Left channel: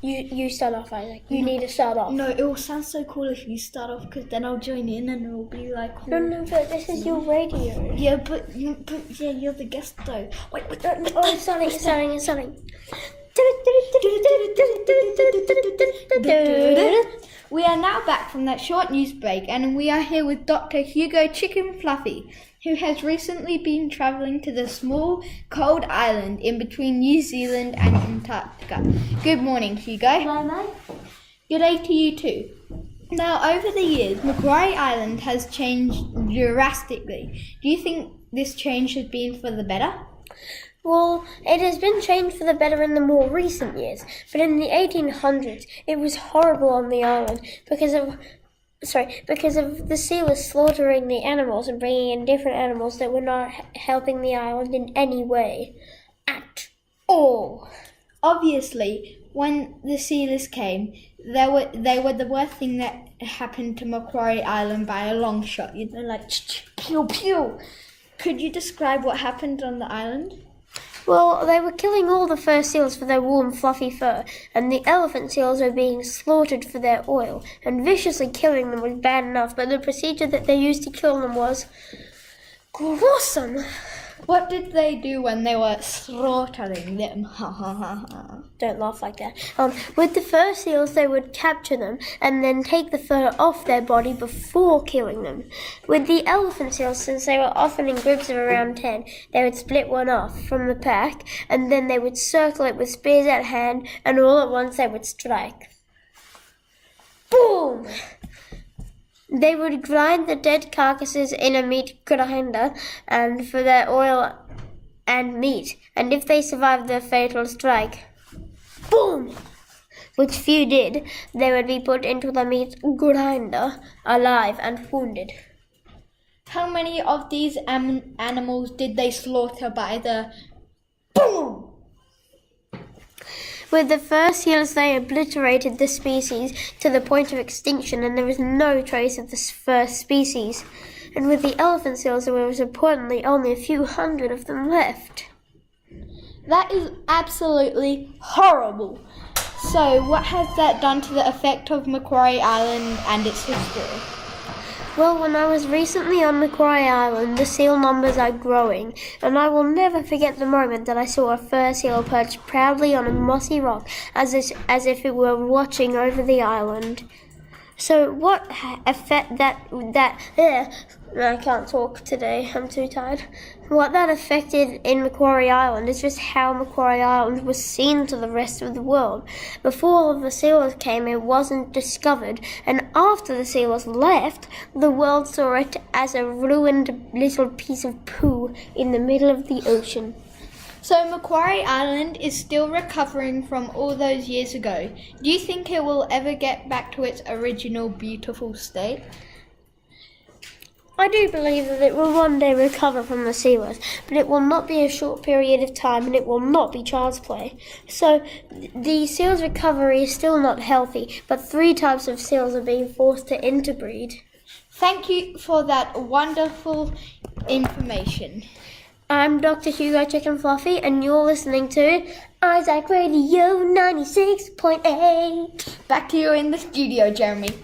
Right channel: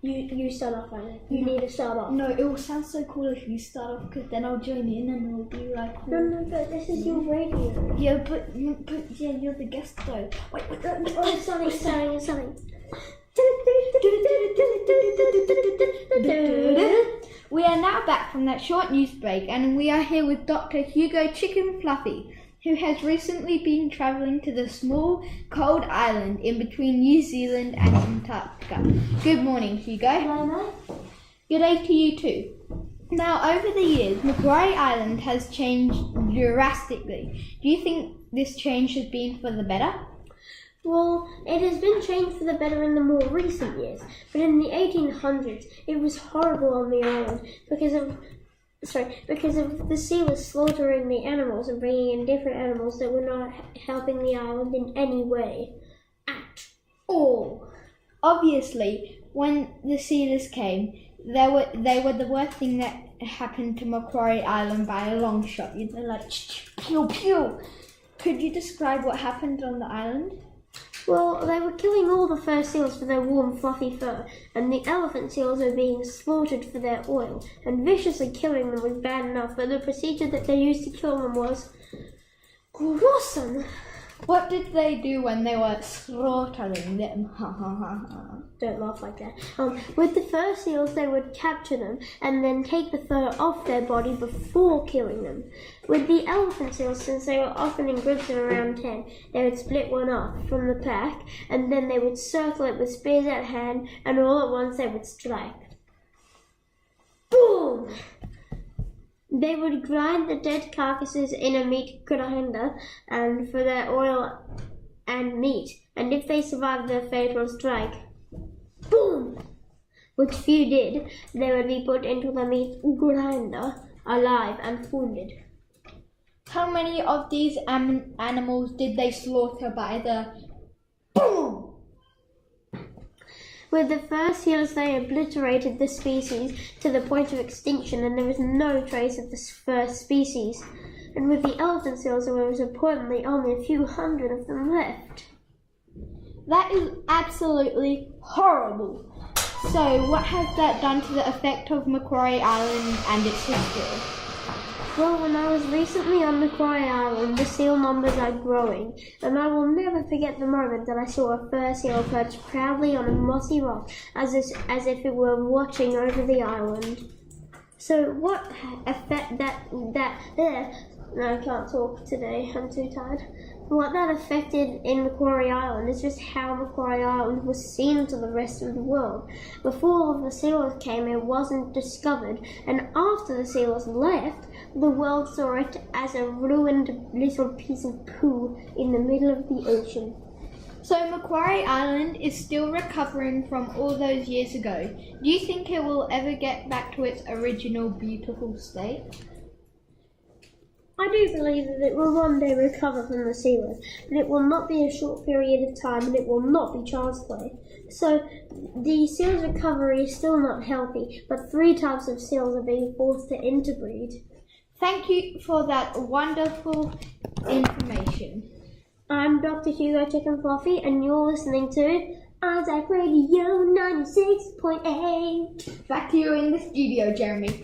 You start off, Isaac. You need to start off. No, it will sound so cool if you start off, because then I'll join in and it will be like cool. No, but this is your radio. Yeah, but you're the guest though. Wait. Oh, it's starting. We are now back from that short news break, and we are here with Dr. Hugo Chicken Fluffy, who has recently been travelling to the small, cold island in between New Zealand and Antarctica. Good morning, Hugo. Hello, mate. Good day to you too. Now, over the years, Macquarie Island has changed drastically. Do you think this change has been for the better? Well, it has been changed for the better in the more recent years, but in the 1800s, it was horrible on the island because of the sealers slaughtering the animals and bringing in different animals that were not helping the island in any way at all. Obviously, when the sealers came, they were the worst thing that happened to Macquarie Island by a long shot. You know, like pew pew. Could you describe what happened on the island? Well, they were killing all the fur seals for their warm, fluffy fur, and the elephant seals were being slaughtered for their oil, and viciously killing them was bad enough, but the procedure that they used to kill them was gruesome. What did they do when they were slaughtering them? Don't laugh like that. With the fur seals, they would capture them and then take the fur off their body before killing them. With the elephant seals, since they were often in groups of around 10, they would split one off from the pack, and then they would circle it with spears at hand, and all at once they would strike. Boom! They would grind the dead carcasses in a meat grinder and for their oil and meat, and if they survived the fatal strike, boom, which few did, they would be put into the meat grinder alive and wounded. How many of these animals did they slaughter by the boom? With the fur seals, they obliterated the species to the point of extinction, and there was no trace of the first species. And with the elephant seals, there was reportedly only a few hundred of them left. That is absolutely horrible. So, what has that done to the effect of Macquarie Island and its history? Well, when I was recently on Macquarie Island, the seal numbers are growing, and I will never forget the moment that I saw a fur seal perched proudly on a mossy rock, as if it were watching over the island. So what effect I can't talk today, I'm too tired. What that affected in Macquarie Island is just how Macquarie Island was seen to the rest of the world. Before all of the sealers came, it wasn't discovered, and after the sealers left, the world saw it as a ruined little piece of poo in the middle of the ocean. So Macquarie Island is still recovering from all those years ago. Do you think it will ever get back to its original beautiful state? I do believe that it will one day recover from the sealers, but it will not be a short period of time, and it will not be child's play. So the seals' recovery is still not healthy, but 3 types of seals are being forced to interbreed. Thank you for that wonderful information. I'm Dr. Hugo Chicken Fluffy, and you're listening to Isaac Radio 96.8. Back to you in the studio, Jeremy.